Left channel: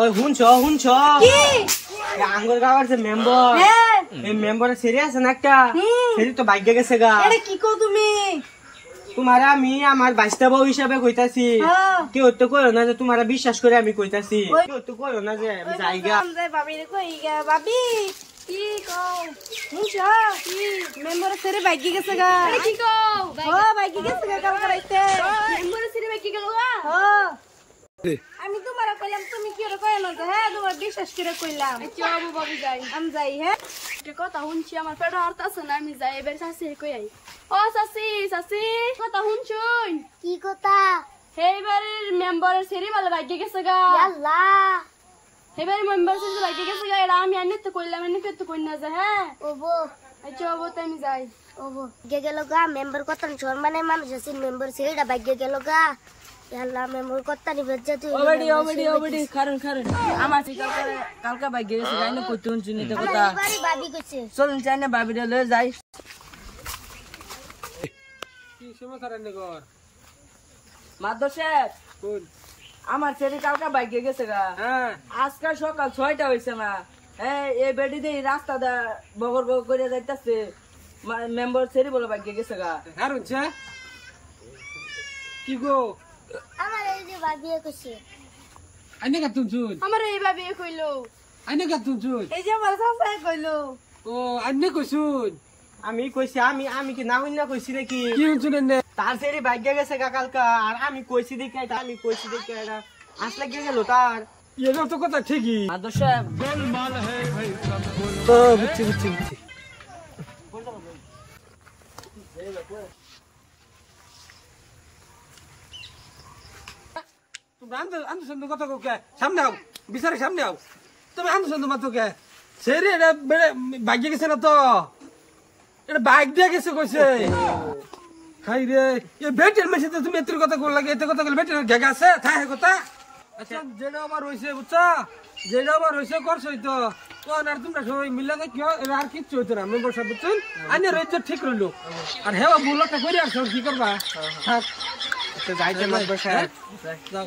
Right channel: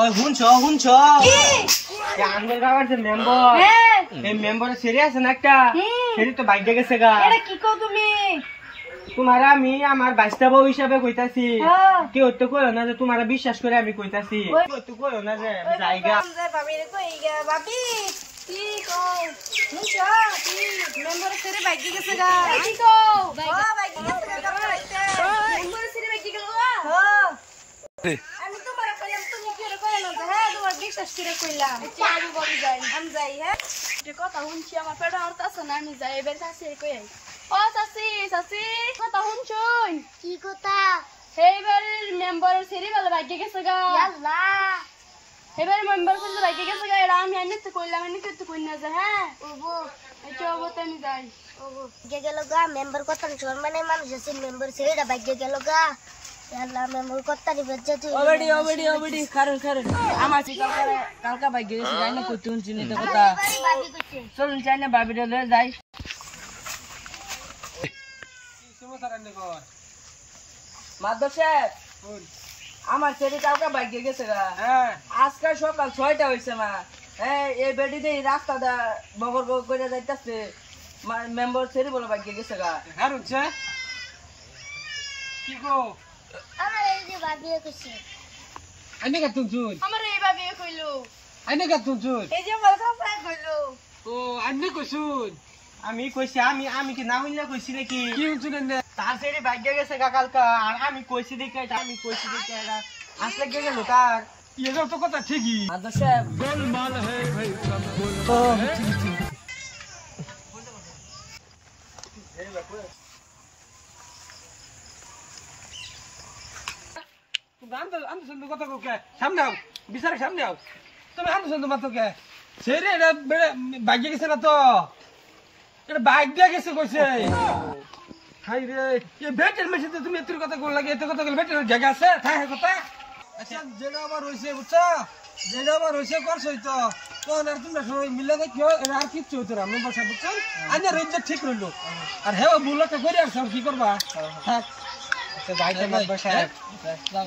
ওই হুনছ কি আঙ্গুর গাওয়ার যে মেম্বার এই মেম্বারে সেরি আছে না একটা সেরি তো ভাগ্য গেছে গা। এটা কি কও তুমি? তোমারা আমি আমার বাইস্তা বউ হিসাবে কইতাছি কেউ তো কইও না যে তোমারা বিশ্বাস করে আমি কইতাছি কেউ তো কইও না যে আমি যাইগা ভাবি রে কই গা ভাবি কি কও হুনছ কি মেম্বারে সেরি ভাগ্য গেছে গা কি কও ভাগ্য গেছে গা মেম্বারে সেরি ভাগ্য গেল গা আমি তোমার কইলাম তুমি কি রে কইলা যে হ্যাঁ তোমার বিশ্বাস করে কইলাম আচ্ছা আবু বাবু যাই আমি যাই হ্যাঁ যে কথা শুনছি আমার পেট হারতাছে না আমি যাই এবার শাশি কই আই ও শাশি কথা শুনছুন কি কথা এইবারের মেম্বারের সেরি ভালো ভাগ্য গেছে গা আল্লাহ এবার মেম্বার সেরি ভাগ্য গেছে গা এটা আমি আনিতে কইলাম এনে তো কই না যে হ্যাঁ ওবো আচ্ছা ওবো তো আমি যাই ওবো গেল গা মেম্বার কথা সম্মানে মানুষ আছে মেম্বার সেটা ভাগ্য গেল গা আল্লাহ মেম্বার কথা নি বজ্জা তুই ওবডি খারুন আমার কালকা ভাগ্য গেছে যাই না কইতে শুনছি না কথা ভাবি কইছে চলুন চাই না ভাবিটা লয়ে যাই কি সমাচার আনলে কর মাদর সাহেব কোন আমার ছেলে কালকা ভাগ্য গেছে গা হ্যাঁ আজকাল সকাল 6টা হইছে না হ্যাঁ এই বেডি দিয়ে রাস্তা দা বগর করে যাইতাছে মেম্বার ছেলে বলে ভাগ্য গেছে গা হারুনছে কি গো আমার এই যে ভাবি কইছে আইনে কা তুমছুন আমার এইভাবে কইলো আইনে কা তুমছুন এই যে আমার কাছে কইলো ও আইনে কইছুন আমি কইছি আমি কি না হইলা কইছি নাকি কি শুনছুন এনে তার সেরি ভাগ্য গেছে কালকা আর আমি কইছি দেখে এটা আসলে গেল তার এর তো কথা ঠিকই মাদর সাহেব গোলমাল হে ভাই সব গোল তো বুঝছি তুমি আন্দোলন কথা কে সামনে আও বিচারে সামনে আও তুমি আন্দোলন মাত্র কে সেরে এটা ভাগ্য গেছে না তো এটা বাইক দিয়ে গেছে কইছে হাই রে এই বেটের মেশিন তো তুমি এত কথা কল লাগে এত কথা কল বেটের জায়গা আছে তাই কথা আচ্ছা যেটা আবার হইছে বুঝছা যেটা আবার হইছে করছই তো কোন আর তোমরা সবাই মিলে না কিও আর কিচ্ছু হইতো না মেম্বার সাহেব বুঝছেন আইনা রেঞ্জ ঠিক রইলো আর হেও বুলাটা করে আর সব কি করবা থাক আচ্ছা যাইতে মেম্বার সাহেব যাও